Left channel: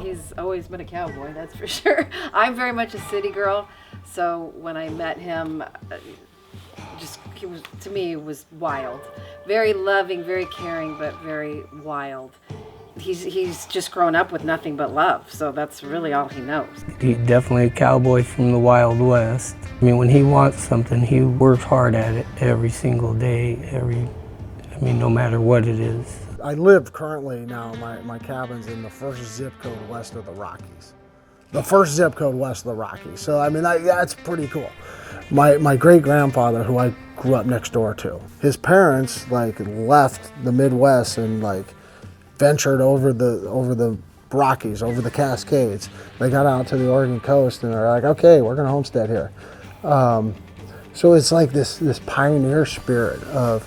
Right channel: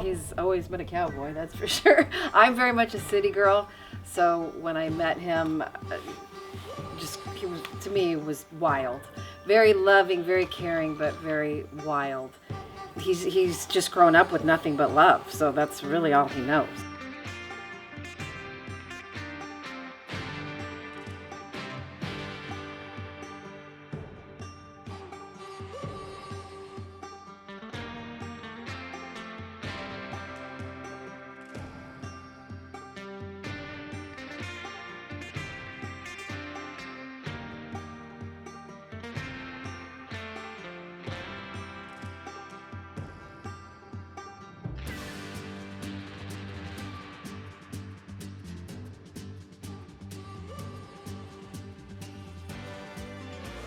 He's always been a cowboy, that's for sure. I'm very much a city girl, so when I met him, he was, to me, was wild. Very loving, very caring, but very wild. He's just grown up with nothing but love, so that's really all he knows. He's definitely a cowboy from the Wild West. I mean, when he wants something, he works hard at it every single day, no matter what it is. I live currently now, my cabin's in the first zip code west of the Rockies. The first zip code west of the Rockies. So, that's pretty cool. My great-grandfather, who I grew up next door to, his parents, left the Midwest and, ventured over the Rockies, over the Cascades. They got out to the Oregon coast and they're like, okay, we're gonna homestead here. So it's like this pioneer spirit of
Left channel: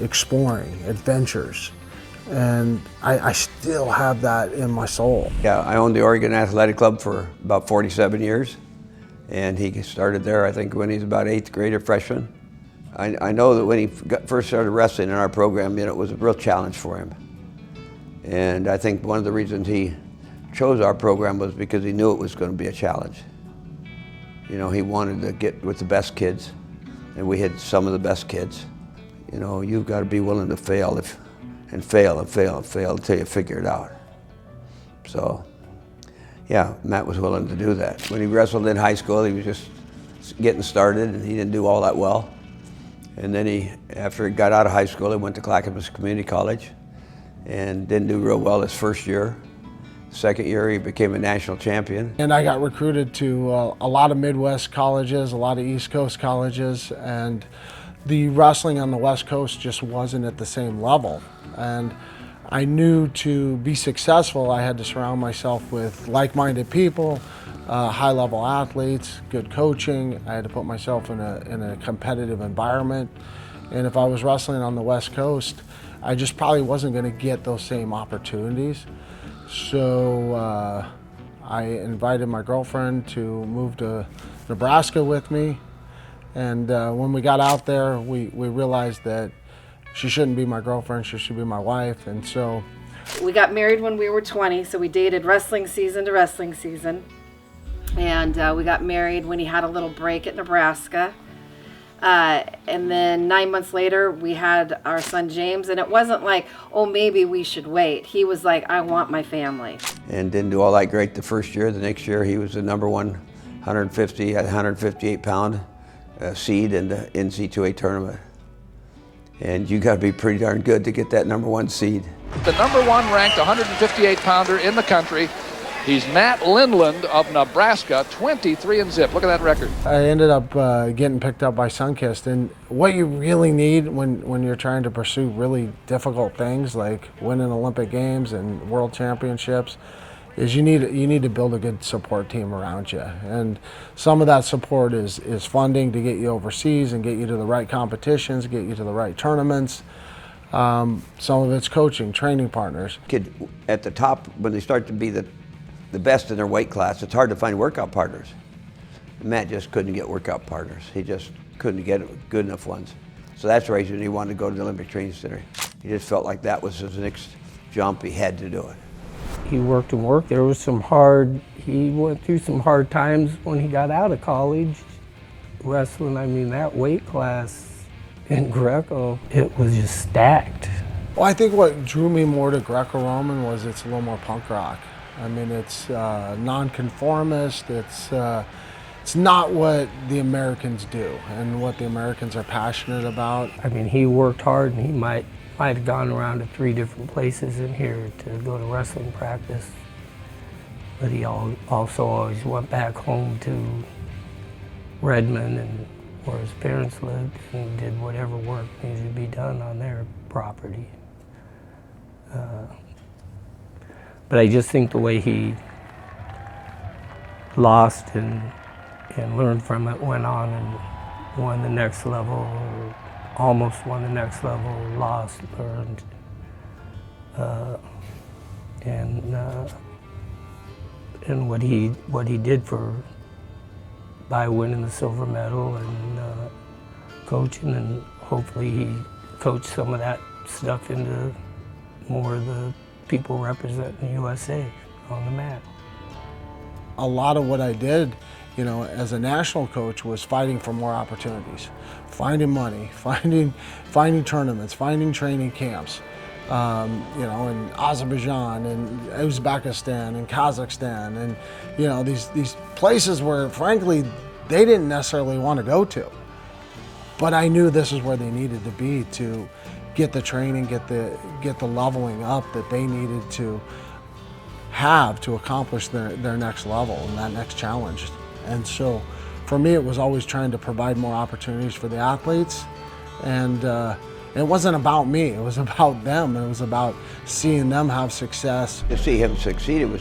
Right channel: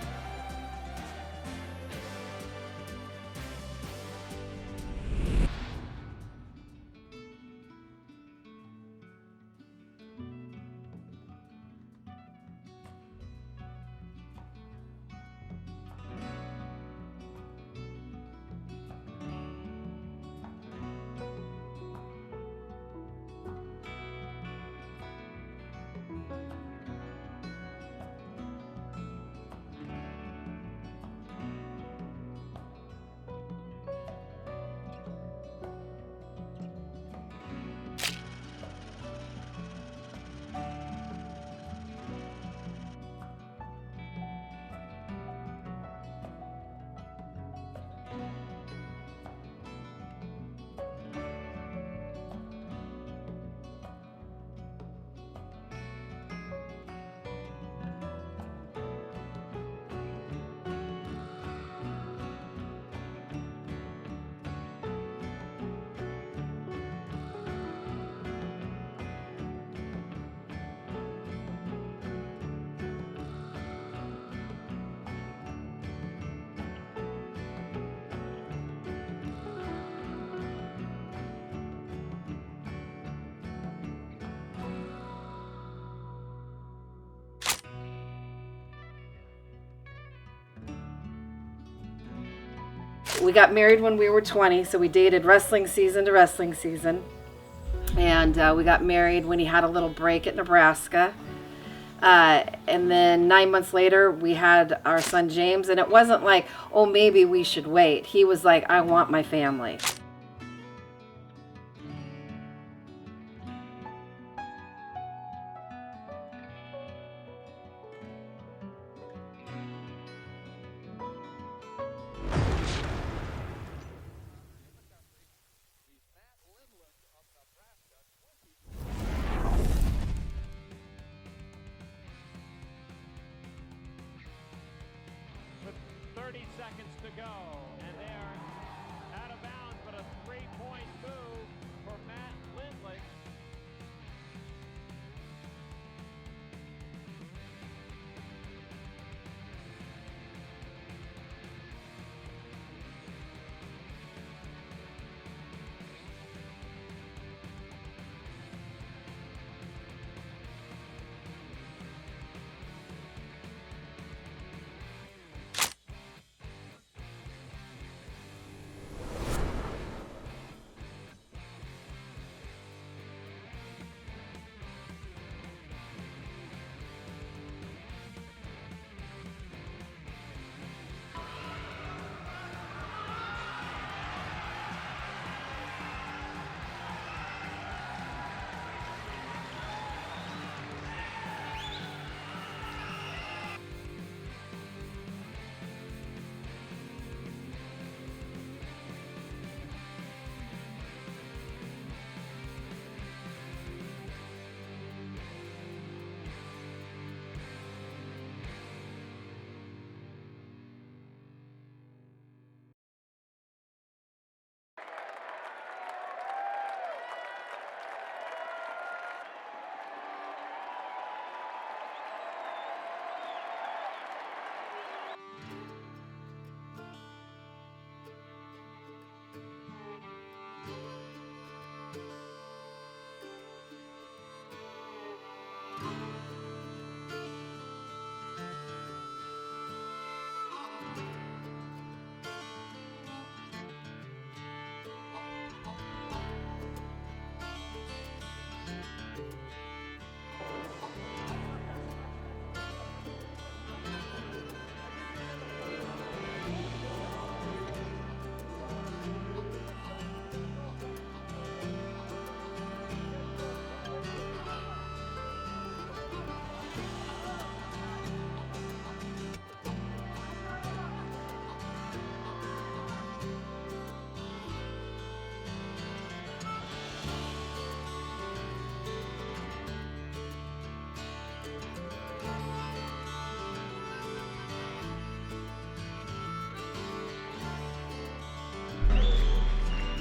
exploring, adventures. And I still have that in my soul. Yeah, I owned the Oregon Athletic Club for about 47 years. And he started there, I think, when he was about 8th grade or freshman. I know that when he first started wrestling in our program, it was a real challenge for him. And I think one of the reasons he chose our program was because he knew it was going to be a challenge. He wanted to get with the best kids, and we had some of the best kids. You've got to be willing to fail and fail until you figure it out. So, yeah, Matt was willing to do that. When he wrestled in high school, he was just getting started, and he didn't do all that well. And then after he got out of high school, he went to Clackamas Community College and didn't do real well his first year. Second year, he became a national champion. And I got recruited to a lot of Midwest colleges, a lot of East Coast colleges, and the wrestling on the West Coast just wasn't at the same level. And I knew to be successful, I had to surround myself with like-minded people, high-level athletes, good coaching. I had to put myself in a competitive environment. And if I was wrestling on the West Coast, I just probably wasn't going to get those same opportunities. So I invited my girlfriend to move to Nebraska with me. And when we got out there, we realized that she shouldn't be my girlfriend, she should be my wife. And so we got married when we were 20, so we dated wrestling season to wrestling season. And we got married when he had a little break at Nebraska. And then 9 months later, we had our son James, and it wasn't like, oh, maybe we should wait. He was like, I want my family. And didn't do all that great the first year. The next year, he was the number one 158-pound seed in the NCAA tournament. And you got to be pretty darn good to get that number one seed. The number one ranked 158-pounder in the country. He's Matt Lindland of Nebraska, 23-0. Look at that record. I ended up getting picked up by Sunkist, and what you really need when you're trying to pursue really difficult things like winning Olympic Games and World Championships is you need to build a good support team around you. And some of that support is funding to get you overseas and get you to the right competitions, get you to the right tournaments. Some of it's coaching, training partners. Kid at the top, when they start to be the best in their weight class, it's hard to find workout partners. Matt just couldn't get workout partners. He just couldn't get good enough ones. So that's the reason he wanted to go to the Olympic Training Center. He just felt like that was his next jump. He had to do it. He worked and worked. He went through some hard times when he got out of college. Wrestling, that weight class in Greco, it was just stacked. Well, I think what drew me more to Greco-Roman was it's a little more punk rock. It's nonconformist. It's not what the Americans do and what the Americans are passionate about. He worked hard, and he might have gone around to 3 different places in here to go to wrestling practice. But he also always went back home to Redmond and where his parents lived, and did whatever work needed to be done on their property. But I just think the way he lost and learned from it, went on and won the next level, almost won the next level, lost, learned, and what he did by winning the silver medal and coaching, and hopefully he coached some of that stuff into more of the people representing the USA. on the mat. A lot of what I did, you know, as a national coach was fighting for more opportunities, finding money, finding tournaments, finding training camps, you know, in Azerbaijan and Uzbekistan and Kazakhstan, and you know, these places where frankly they didn't necessarily want to go to, but I knew this is where they needed to be to get the training, get the leveling up that they needed to have to accomplish their next level and that next challenge. And so for me, it was always trying to provide more opportunities for the athletes. And it wasn't about me, it was about them. It was about seeing them have success. To see him succeed, it was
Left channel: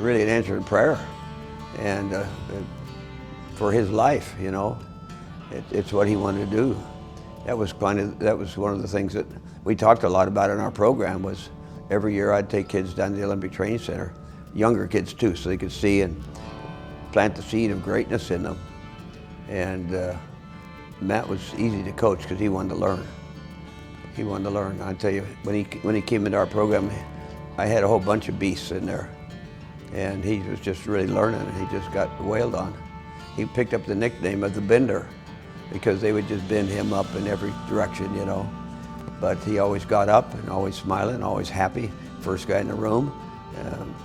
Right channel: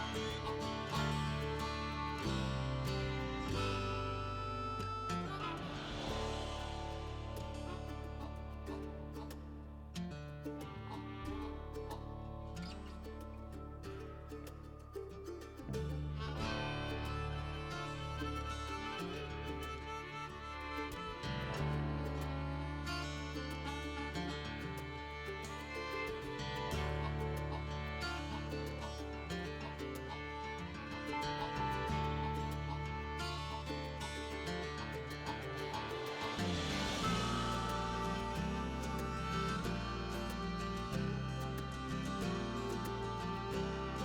really an answer in prayer. And for his life, you know, it's what he wanted to do. That was one of the things that we talked a lot about in our program. Was every year I'd take kids down to the Olympic Training Center, younger kids too, so they could see and plant the seed of greatness in them. And Matt was easy to coach because he wanted to learn. He wanted to learn. I tell you, when he came into our program, I had a whole bunch of beasts in there, and he was just really learning. He just got wailed on. He picked up the nickname of the Bender because they would just bend him up in every direction, you know. But he always got up and always smiling, always happy. First guy in the room.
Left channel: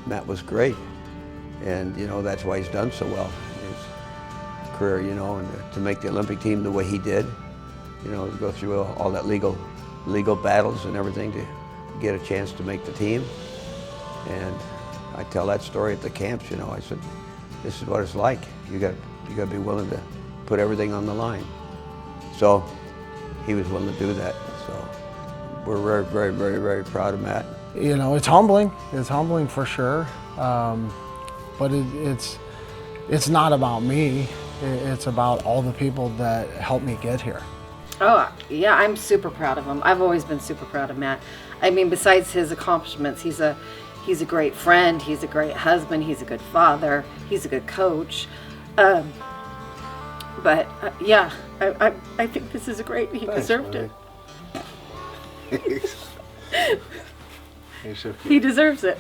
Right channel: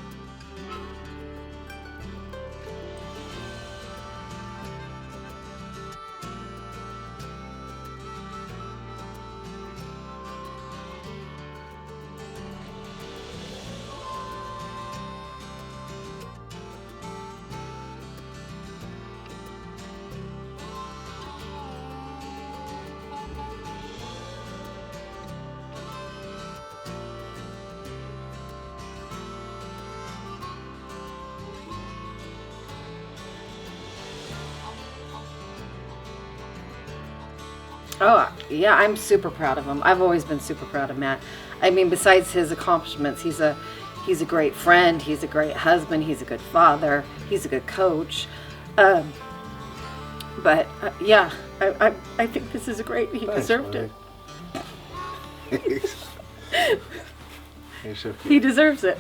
Matt was great. And, you know, that's why he's done so well in his career, you know, and to make the Olympic team the way he did, you know, to go through all that legal battles and everything to get a chance to make the team. And I tell that story at the camps, you know. I said, this is what it's like. You got to be willing to put everything on the line. So he was willing to do that. So we're very, very, very, very proud of Matt. You know, it's humbling. It's humbling for sure. But it's not about me. It's about all the people that helped me get here. Oh, yeah, I'm super proud of him. I've always been super proud of Matt. I mean, besides his accomplishments, he's a great friend, he's a great husband, he's a good father, he's a good coach. But yeah, I think this is great. He deserved it. He deserves it.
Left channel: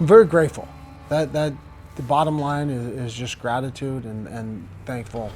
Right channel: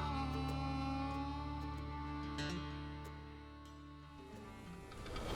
I'm very grateful. That the bottom line is just gratitude and thankful